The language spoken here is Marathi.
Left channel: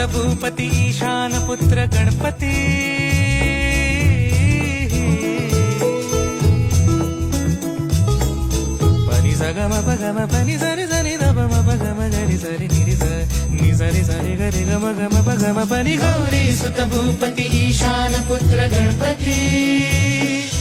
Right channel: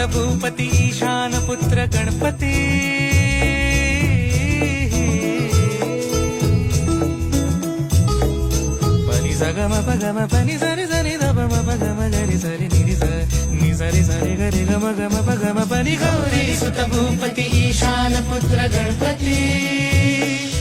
भूपती ईशान पुत्र गणपती पनी सगम पगम पनी सरी सरी दबम पगम गरी सरी निरी नि सरी सरी गरी गम गम पगम पनी गौरी सुत भूपती ईशान पुत्र गणपती